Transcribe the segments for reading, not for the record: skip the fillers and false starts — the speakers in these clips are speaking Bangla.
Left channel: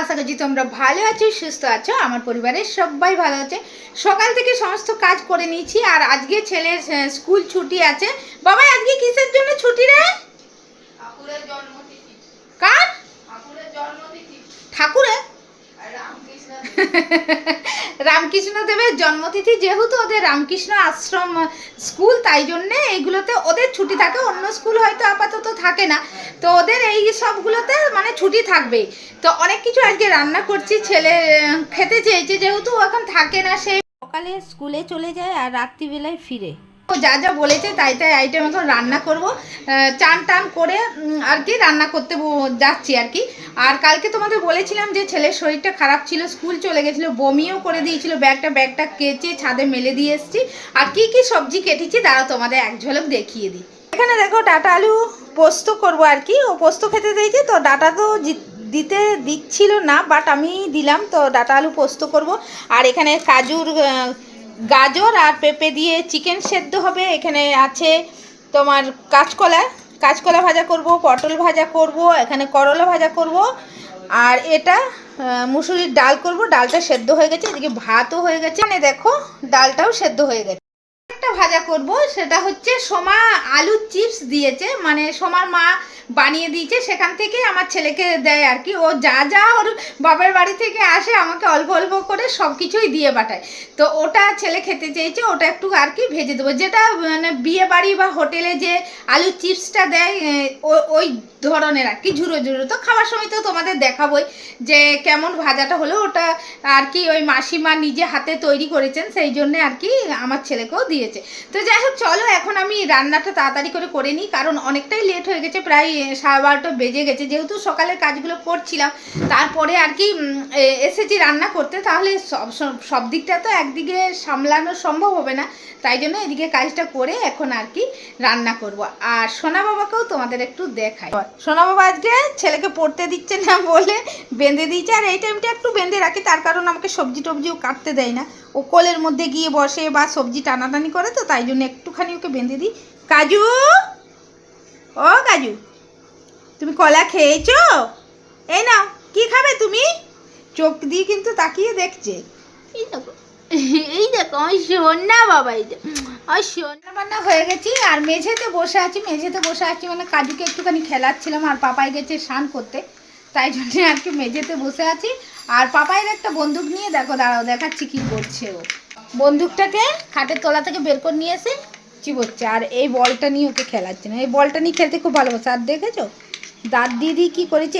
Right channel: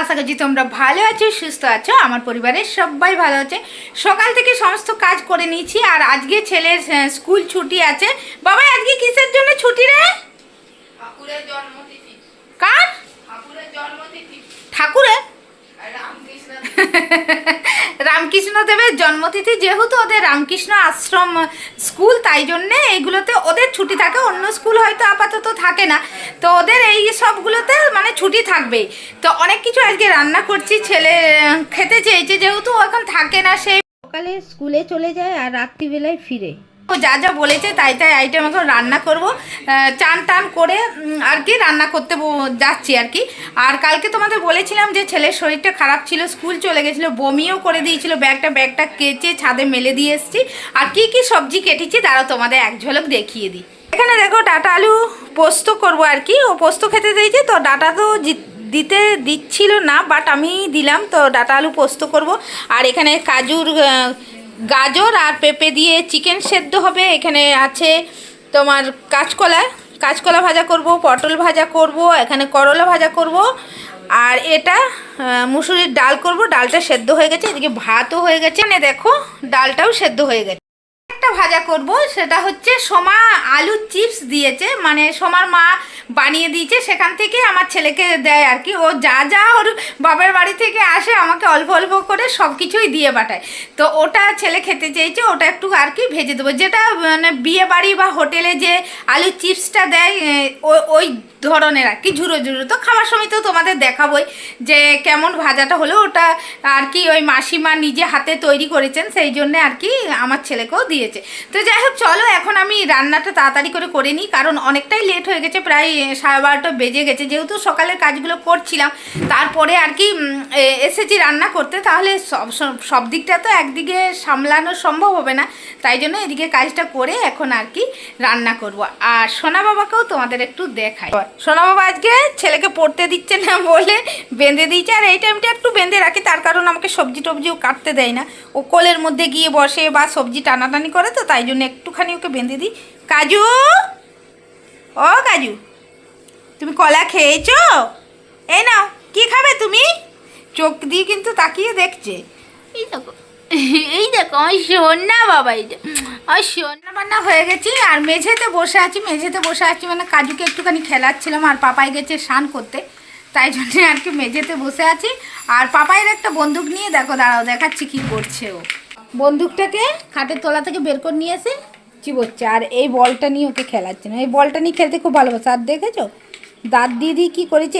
আশা করছি তোমরা ভালো আছো, সুস্থ আছো। আমার পরিবারের সবাই ভালো আছে। সকাল থেকে সমস্ত কাজ করে নিয়েছি, আর আজকে ছেলের স্কুল ছুটি আছে। বাবা আজকে কিসের জন্য ছুটি রে? ঠাকুরের জন্মতিথি। কার? ঠাকুরের জন্মতিথি। ঠাকুরের? রামকৃষ্ণ। রামকৃষ্ণ দেবের জন্মতিথি, যেহেতু ওদের রামকৃষ্ণ আশ্রম স্কুল, তাই জন্যে এইগুলোতে ওদের ছুটি থাকে। অন্য স্কুল হয়তো আপাতত থাকে না, তো ওদের এই সবগুলোতে মানে ছুটি থাকবেই। তো অনেক কিছু আজকে রান্না করছি। ছেলে খেতে চেয়েছে, যেহেতু ও এখন থাকে না, সেই সকালে স্কুলে চলে যায় আর রাত্রিবেলায় ফিরে। ও যা যা বলেছে তাই তাই আইটেম এখন রান্না করব। চান টান করে আর কি রান্না করতে যাচ্ছি আর কি। আর কালকে তোমাদের বলেছিলাম যে ছেলের শরীরটা খারাপ ছিল, স্কুল চলে গেছিলো, বমিও করে দিয়েছিল। ব্যাগটা কেচে ছাদে মেলে দিয়ে এসেছি। আর কি কি সবজি কেটেছি তারাও তোমাদের এক ঝলক দেখিয়ে দিই। এখানে দেখো ডাঁটা আলু পোস্ত করব আর কি। ও পোস্ত খেতে দিয়েছে, তো ডাঁটা তো দিচ্ছিল না, বাট আমি দিলাম। তো ডাঁটা আলু পোস্ত করব। আর এখানে গাজর আর পেঁপে দিয়ে চিকেন সেদ্ধ হবে। এখানে আছে তোমার কাঁচকলা ভাজা করব, পটল ভাজা করব, এখানে করলা ভাজা করব। আর এটা মুসুরির ডাল করব। ডালটা সেদ্ধ হয়ে গেছে, এদিকে ভাতও হয়ে গেছে। মানে দেখো ডালটাও সেদ্ধ হয়ে গেছে। একটা ভাজা করব, সেটা হচ্ছে সোমা আলুর চিপস দিয়েছে, মানে সোমার মা বানিয়ে দিয়েছে, সেখান থেকে আমার ছেলেকে দেয় আর কি। ও যা যা ওর বাবার বাড়ি থেকে আসে আমাকে অল্প অল্প করে সব কিছুই দিয়ে পাঠায়। তো ওটা ছেলে খেতে চেয়েছে, ওটা একটু আর কি ভেজে দেবো। যেটা মানে বিয়ে বাড়ি বা হোটেলে যে আলুর চিপসটা দেয় ওই ধরনের আর কি, ঝুরো ঝুরো। তো খাওয়ার সময় তো তোমাদের দেখাবোই যে কেমন ভাজাটা হলো। ওটা আর কি ওই মাসিমা নিজে হাতে তৈরি করেছেন, সেই জন্যে আর কি আমার ছেলেকেও দিয়েছে। তো যাই হোক, চলো এখন আমি রান্নাটা তাড়াতাড়ি করে নিই, কারণ অনেকটাই লেট হয়ে গেছে, প্রায় 12:30 বেজে গেছে। যেহেতু সকালের কাজগুলো করছিলাম, তারপরে আর কি এসেছি রান্না করতে, তাহলে সব দিকটা তো একদিকে সামলানো সম্ভব হবে না। তাই জন্য এদিকে কাজটা করে এখন আর কি রান্না করব। আর সোনা বাবাকেও তোমাদের একটু দেখাই। সোনা বাবা আজকে ছেলেকে পড়তে দিচ্ছে না বলে বেঁধে দিয়েছে। আর এই টাইমটা একটু বেঁধে রাখি, তার কারণ আমাকে সবজি টবজিও কাটতে দেয় না। ও কোলের মধ্যে গিয়ে বসে বা সবজি টানাটানি করে, তো তাই জন্য একটুখানি ওকে বেঁধে দিই। কাজু, ও কাজু, তুমি কলা খেয়েছো? এই নাও, কি খাবে তুমি? চোখ দিয়ে কিন্তু তাকিয়ে দেখছে। এই দেখো, এই দেখো আমার সোনা বাবা, এইটা আমার সোনা বান্না হয়ে গেছি। আর মেঝেতে বসে আছি মানে কাজুকে একটুখানি খেলাচ্ছিলাম। আর পাপাই গেছে স্নান করতে, তাই জন্যে আর কি মেঝেতে বসে আছি। আর পাপাইয়ের একটা বন্দুক নিয়ে দেখো, দাঁড়াও দেখাচ্ছি কি করছে ও। বন্দুকটাকে খাটের তলা থেকে বের করে নিয়ে এসে চিবোচ্ছে। আর এই বলটা নিয়ে ওকে খেলাচ্ছে না। এই বলটা নিয়ে খেলতে খুব ভালোবাসে। আর দেখেছো দাঁত দিদি কি করেছে?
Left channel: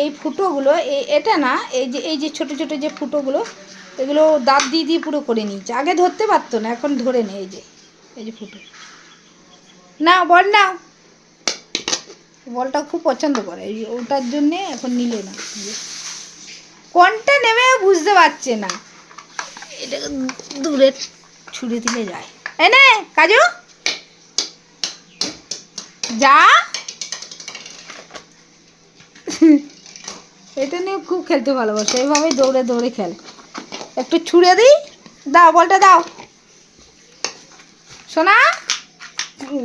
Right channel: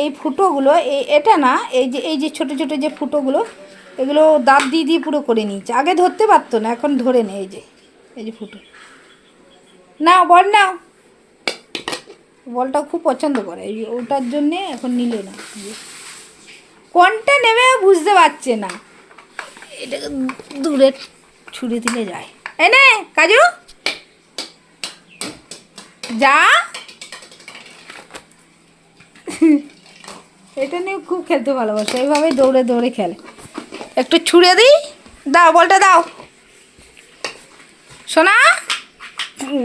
এই ফুটোগুলো, এটা না, এই যে ছোট ছোট যে ফুটোগুলো, এগুলো দাঁত দিয়ে পুরো করে নিয়েছে। আগে ধরতে পারতো না, এখন ধরে নেয়। এই যে ফুটো। নাও বল, নাও। বলটা খুব পছন্দ করে, এই ওটার জন্যে এখন নিলে না। কোনটা নেবে বুঝতে পারছে না। এটাকে দূরে ছুড়ে দিলে যায়। এই নে কাজু, যা। এটা নিয়ে খুব খেলতে ভালোবাসে, এইভাবেই দৌড়ে দৌড়ে খেলে। একটু ছুঁড়ে দিই, দাও বলটা দাও। শোনা,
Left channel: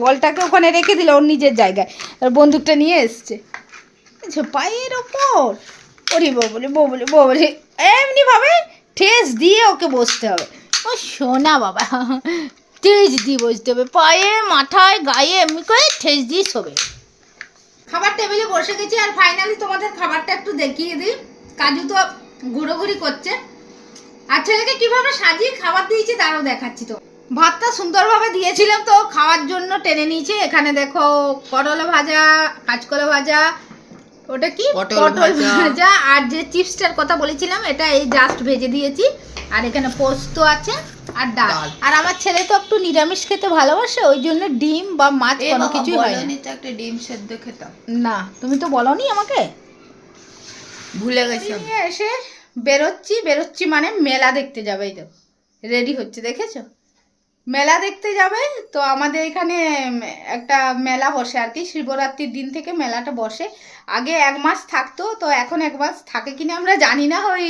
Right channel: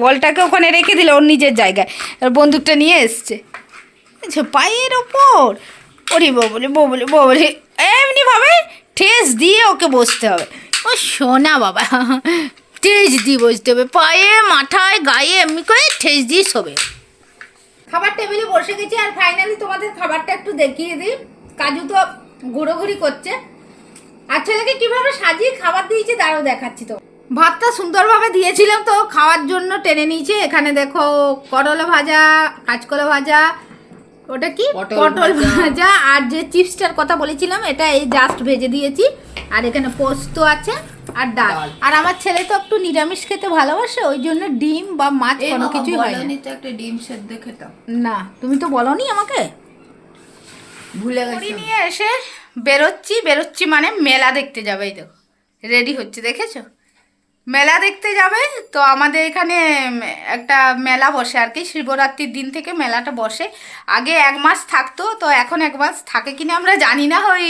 বলটাকে ওখানে রেখে দিল ওর নিজের জায়গায়, আর বন্দুকটা নিয়ে এসছে পায়ের ওপর। ওরে ববলে এমনিভাবে ঠেস দিয়ে ওকে বসতে হবে। ও শোনা বাবা, ঠেস দিয়ে বসতে হবে, পায়ে মাথায় গায়ে এমনি করে ঠেস দিয়ে শোবে। খাবার টেবিলে বসে গেছি। আর ফাইনালি তোমাদের খাবারটা একটু দেখিয়ে দিই। কাজু তো ঘোরাঘুরি করছে, আর ছেলেকে কীভাবে সাজিয়ে খাবার দিয়েছি তারাও দেখাচ্ছি। তো ভাতটা সুন্দরভাবে দিয়েছিলাম, তো খাওয়ার জন্য টেনে নিয়েছে। এখানে দেখো করলা ভাজা, কাঁচকলা ভাজা, ওটা কি পটল ভাজা, আর যে চিপসটার কথা বলেছিলাম এটা এই জাস্ট ভেজে দিয়েছি। আর এখানে পোস্ত আছে আর ডাল। আর আমার ছেলে তো একটু নিরামিষ খেতে ভালোবাসে, ওই জন্য ডিম বা মাছ কোনো কিছুই হয় না। একটা ডিম সেদ্ধ খেতাম না, তুমি তো বলোনি আমাকে, ভুলে গেছি। নিয়ে এসে বেরোচ্ছি মানে মেলা দেখতে যাবে। এই দেখো রেডি হচ্ছে, দেখেছো? মেলা দেখতে যাবে। তো আমাদের এখানে একটা মেলা বসে আর কি, শিবরাত্রির দিন থেকে মেলাটা বসে। আগে 1 মাস থাকতো, তো এখন 1 মাস থাকে কিনা আমরা জানি না। ওই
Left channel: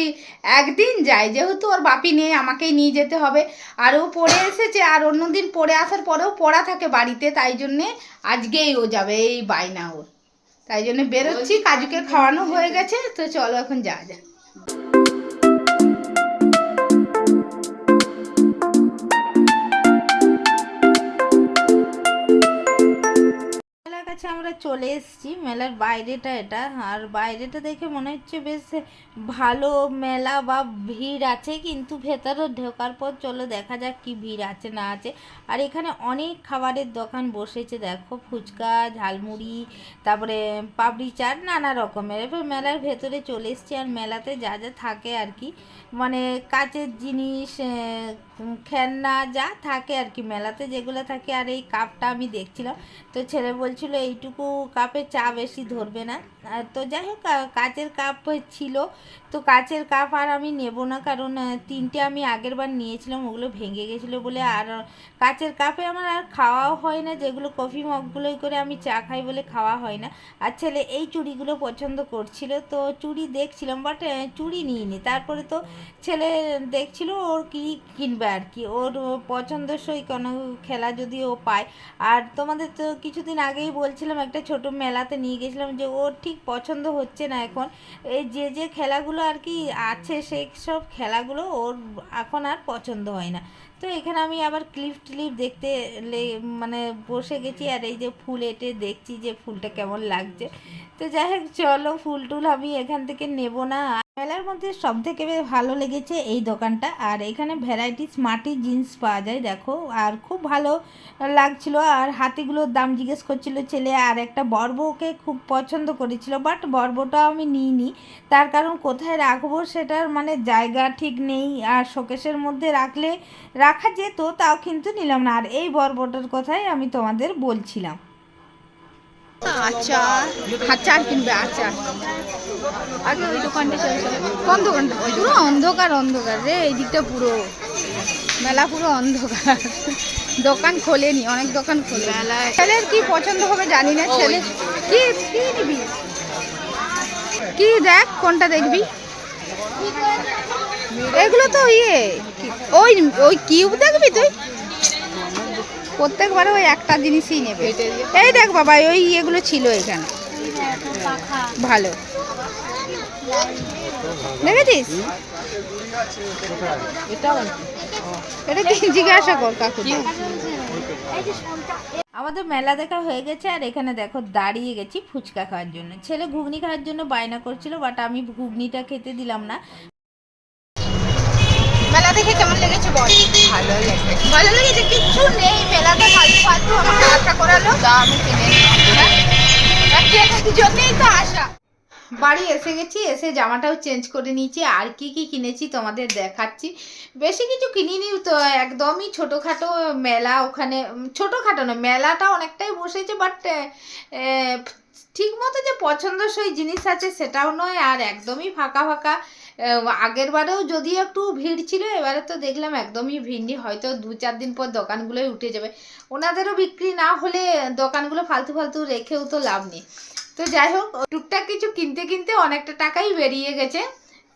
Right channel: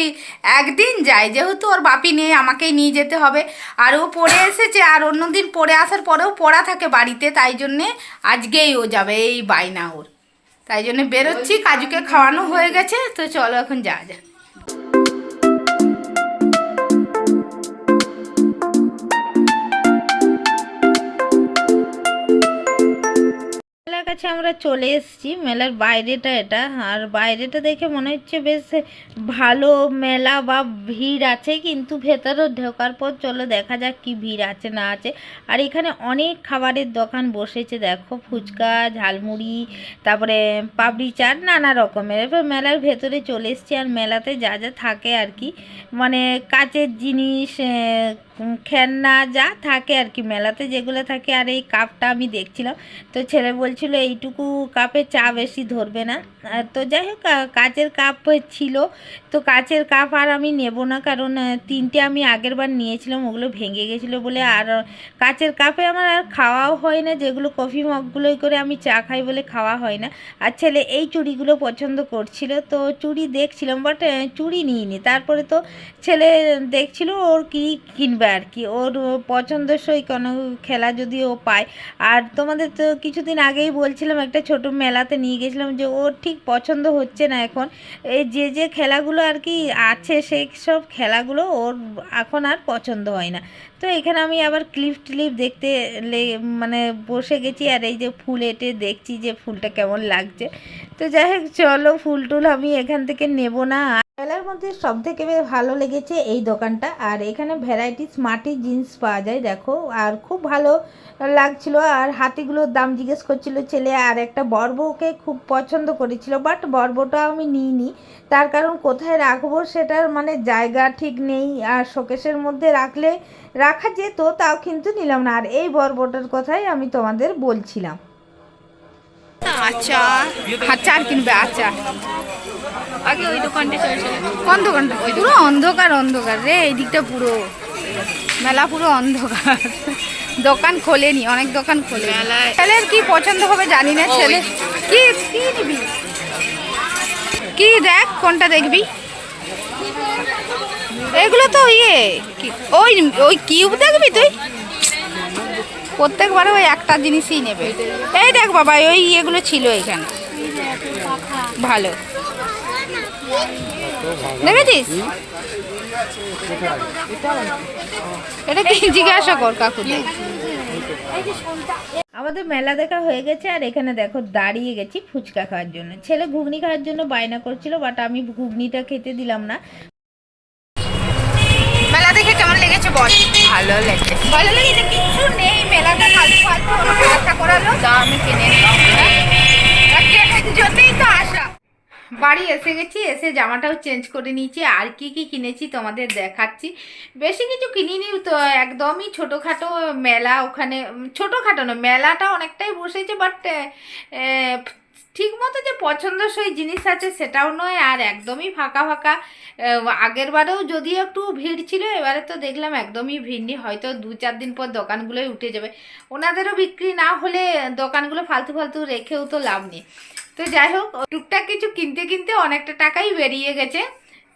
একদিন যায়, যেহেতু ওর বাপি নেই, আমাকেই নিয়ে যেতে হবে। আর ও পড়ে এসেছে, আর অন্য দিন পড়ে আসার পরেও পড়া থাকে বাড়িতে, তাই জন্যে আজকেই ও যাবে, এই বায়না ওর। তাই জন্য বেরোচ্ছি। কাজুকে খাওয়ানো হয়ে গেছে, তো চলো এখন যা। কাছে আমরা চলে এসেছি। মেলার বাইরেটা এটা, আর বাইরেটা দেখে মনে হচ্ছে বেশ ভালো মেলা বা ভিড় আছে, কিন্তু ভেতরে ঢোকার পর চলো দেখা যাক কি ভিড় আছে না আছে। আর এখানে অনেক খাবারের দোকান বসেছে, দেখো ফুচকা, ঝালমুড়ি, তারপরে পাপড়ি চাট, নানা রকমের। এবার মেলার ভেতরে চলে এসেছি, আর মেলাতে যা যা থাকে আর কি, মানে কাচের জিনিস, খেলনা যা থাকে আর কি মেলাতে যেগুলো থাকে। আর এই কাপটা আমি দেখছিলাম, তো ছেলে বলছিল এইটুকু কাপে চা বেশি ধরবে না। তো যাই হোক, কাচের কাপ ছিল, তো কাচের কাপ আর আমি নেব না, কারণ তিনটে আমি আগের বার নিয়েছিলাম, ওগুলো ভেঙে গেছিলো বলে। আর কাচের কাপে আমার আর খাওয়াও হয় না, যেগুলো কফি মগগুলোই করে আমি চা খাই বলে খাওয়া হয় না। আর ছেলে এই চুড়িগুলো পছন্দ করছিল, তো চুড়ি দেখছিলাম, বাট চুড়ি নিইনি। তারপরে তো ছেলে দেখছিল ওর কি কিনবে আর কি, ওর পছন্দসই কোনো খেলা যদি ও পায়। আর তোমাদের তো কিছুদিন আগেই বলছিলাম, একটা ছোট মেলাতে নিয়ে গেছিলাম, যে ওর ঠিক পছন্দ হচ্ছে না এখন। এই যে খেলাগুলো আর কি আছে, সেই সব খেলাগুলো ওর এখন আর পছন্দ হয় না। তো এখানে আমি আবার ক্লিপ দেখতে মানে বসে গেছি, আর এই যে ফুল এঁটে দেখছি যে ফুলটা কেমন লাগছে। তো যাই হোক, চলো ফুল টুল আমি এখান থেকে নেব না। মেলার মধ্যে সব থেকে ভালো লেগেছে এই দোকানটা, আর এখানে ভ্যারাইটিস মাটির জিনিস পাওয়া যায় দেখো, আর খুব ভালো লাগছিল। আর হাতিগুলোর দাম জিজ্ঞেস করছিল ছেলে, আর একটা বড়বউকে খুব পছন্দ করেছিল, বাট বড়বউটা আমি নিইনি, তার কারণ কোথায় রাখবো সেটার মানে জায়গা ঠিক নেই, আর শোকেসের মধ্যে রাখা যেত, তাও কিন্তু নিলাম না। আর এই বড়বউটার কথাই আমি তোমাদের বলছিলাম। আচার, আচার কিনবে, আচার। আগে ওই দোকানটা চলছিল। কোন দোকানটা? পুরো অন্ধকার অন্ধকার রে, এই দিকটা পুরো মেলা পুরো অন্ধকার, দোকান খোলেনি, অনেক দোকান খোলে। ছেলের কি পছন্দ হবে জানি না, ছেলে কি কি নিবি, কি দেখ কোনটা দেখবি। এগুলো তো ওই ওই কিউব দেখবি তুই, প্রত্যেকবারে ওই একটা জিনিসই নেবে। এই দেখ বাবা, ওই এগুলো ছিল এখানে, ভালো দেখেছিস? এটা কি জিজ্ঞাসা কর কাকু। আমাদের মেলা দেখা হয়ে গেছে, আর এখানে দেখো দাঁড়িয়ে গেছি ফুচকা খাওয়ার জন্য। ছেলে ঘুগনি খাওয়ার জন্য বায়না করছিল, বাট আমি ঘুগনিটা খেতে দিলাম না। মেলা দেখে কেমন লেগেছে বল? ভালো লেগেছে। ভালো লেগেছে, কিচ্ছু নেই মেলাটা, খালি ফালতু আমাকে আশা করালো, দামে কিনে জন্যই তো আশা। বাড়ি এসে গেছি, এসে জামাটাও চেঞ্জ করে নিয়েছি। আর কি কি কিনেছি তোমাদের দেখাচ্ছি। বেশি কিছু কিনিনি, তো একদমই ছোটোখাটো মেলা। ওখানে ছোটোখাটো না, মেলাটা অনেকটাই বসেছে, বাট ঠিক মতো যে পছন্দসই জিনিস আছে সেটাও নয়, আর একদমই ফাঁকা ফাঁকা। আগের বারেও যদিও একটু ভিড় ছিল, এবারে তো দেখলাম একদমই ভিড় নেই, হয়তো 2-4 দিন পর দোকানগুলোই উঠে যাবে। ওনাদেরও বিক্রি না হলে দোকানগুলো ফালতু ফালতু রেখেও তো লাভ নেই। তো যাই হোক, টুকটাক কিছু কিনতে কিনতে অনেকটা টাকাই বেরিয়ে গেছে।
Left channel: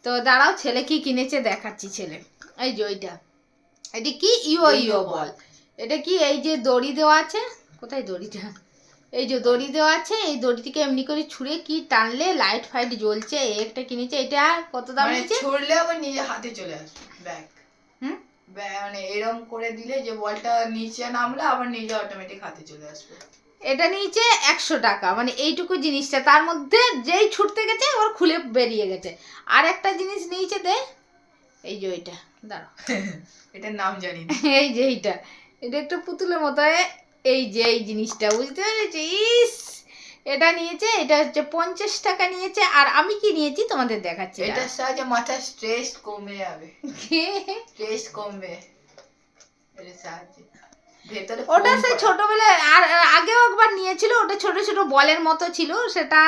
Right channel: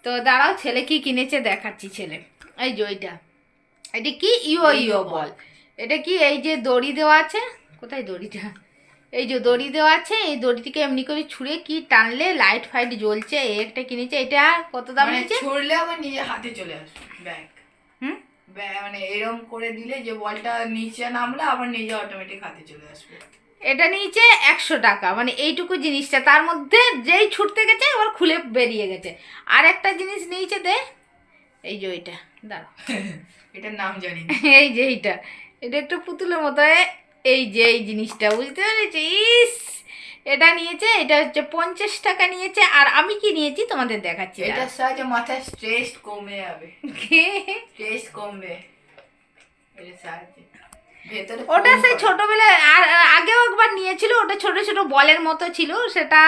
তো দাঁড়াও, ছেলে কি কিনেছে দেখাচ্ছি। ছেলে এই যে এটা কি ইও বল, এটা কি এই যে দড়ি দেওয়া আছে, কোথায় দড়িটা, এই যে দড়ি দেওয়া আছে, এই দড়িটিকে এমনি করে ছুঁড়ে কি টানলে লাইট ফাইট জ্বলছে, এই একটা কিনেছে। এটা কত দাম নিয়েছে? ছুড়লে আবার নিজে হাতে চলে আসবে ব্যাগ। মানে এরকম করে দিলে যে বলটা নিচে নামলে আবার নিজে অটোমেটিক হাতে চলে আসবে। এটা নিচে 100 টাকা, মানে এইটুকু জিনিসটা, তার মধ্যে যেই ছুটতে গেছে ওর খুলে বেরিয়ে গেছে। আর একটা জিনিস নিচে দে, এই যে ওইটা, দাঁড়াও এটার নাম জানি না। এই যে এটা একটু পুতুলের মতো, এই যে এই জিনিসটা, বুঝতে পেরেছি? ইস, এটা নিয়েছে, এটা হচ্ছে 50 টাকা নিয়েছে। আর আমি কি নিয়েছি তোমাদের দেখাচ্ছি। এটার সাহায্যে মাথার স্ট্রেস কমে যাবে, স্ট্রেস কমবে এর সাহায্যে। ওটা সেই ছোটবেলায় আর আগেও একবার নিয়েছিল, ওটা ছোট ছোট বলের মতো ছিল, সেটা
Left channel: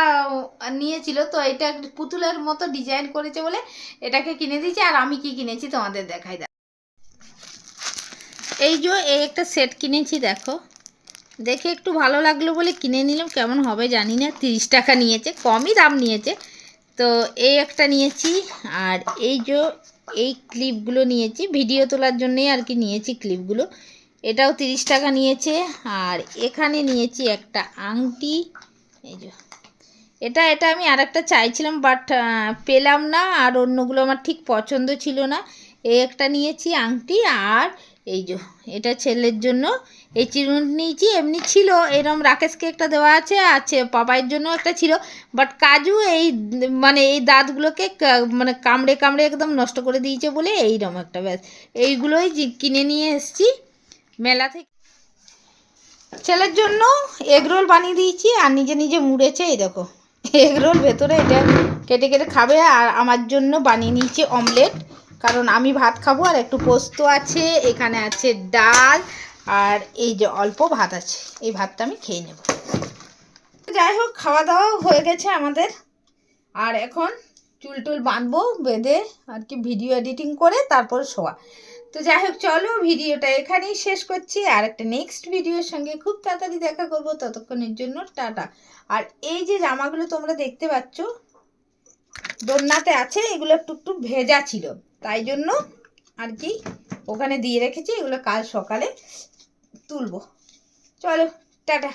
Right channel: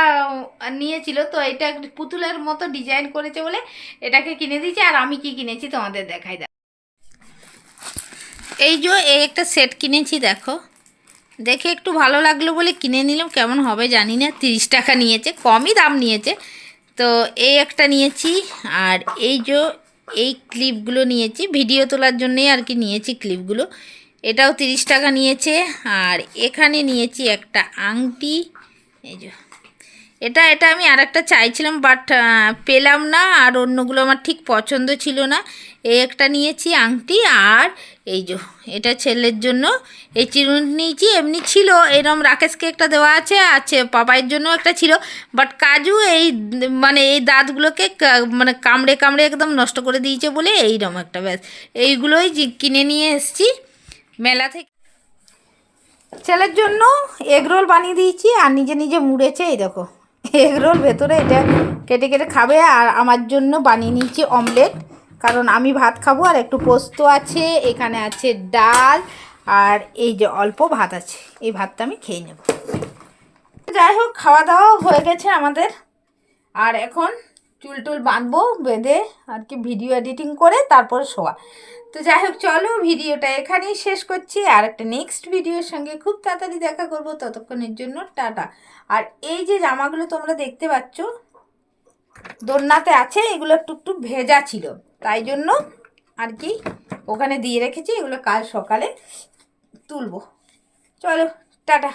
নিয়েছিল। তো এটা পুতুলের মতো ডিজাইন করেছে বলে এটাকে কিনে দিয়েছে। আর আমি কি কিনেছি তোমাদের দেখাই। এই যে এই একটা সেট কিনেছি, দেখো, দেখে একটু ভালো লাগলো বলে কিনে নিলাম, কেমন হবে জানি না। 30 টাকা নিয়েছে, কমই দাম নিয়েছে। তো এই একটা নিয়েছি, আর এই ক্লিপগুলো নিয়েছি, ভিডিও তোলার জন্যই আর কি নিয়েছি ক্লিপগুলো। এটাও 30 টাকা নিয়েছে। আর এখানে নিয়েছি একটা আংটি, এই যে এটা এটা আমি আর একটা চাইছিলাম, বাট পেলাম না, আর অন্যগুলো আমার ঠিক পছন্দ ছিল না। এই একটা নিয়েছি আংটি, আর এই যে এটা ছেলের জন্য এই চিরুনি নিয়েছি। এমনি ছিল এরম রাকেশকে একটা দেওয়া আছে পাপাইয়ের জন্য একটা ছিল, বাট কাজু এই মানে এই দাঁতগুলোকে মানে কামড়ে কামড়ে একদম নষ্ট করে দিয়েছে বলে এইরকম একটা, ব্যাস এইগুলোই কিনে নিয়ে এসেছি মেলা থেকে। ছেলের জন্য এগরোল বানিয়ে দিয়েছি, আর নিজে নিজে মুড়েছে। এই দেখো এগরোল ভেতরে এটা কেটে কেটে খাবে, আর আমার জন্য বানিয়ে নিয়েছি অমলেট, কারণ আমি ভাত খাবো। আর একটু পোস্ত আছে, এখানে আছে ডাল, আর এই যে অল্প ভাত আছে, এই ভাতটা আমি খেয়ে নেব। যাই হোক, খাওয়া দাওয়া হয়ে গেছে আমাদের, আর এখন চুল টুল বাঁধবো, বেঁধে আর কি ভিডিও এডিটিং করে তারপর শোয়া। তো যাই হোক, চলো ভিডিওটা এখানেই শেষ করছি, আর একটা নেক্সট ভিডিওর সঙ্গে খুব তাড়াতাড়ি দেখা করব। ততক্ষণের জন্য টাটা। আর এই যে জামাগুলো তোমরা দেখতে পাচ্ছ দোলনাতে আছে, এগুলো একটু ভেজা ছিল, তাই জন্য আর কি ওখানে দিয়ে রেখেছি, এগুলো কাল সকালে তুলবো। চলো টাটা।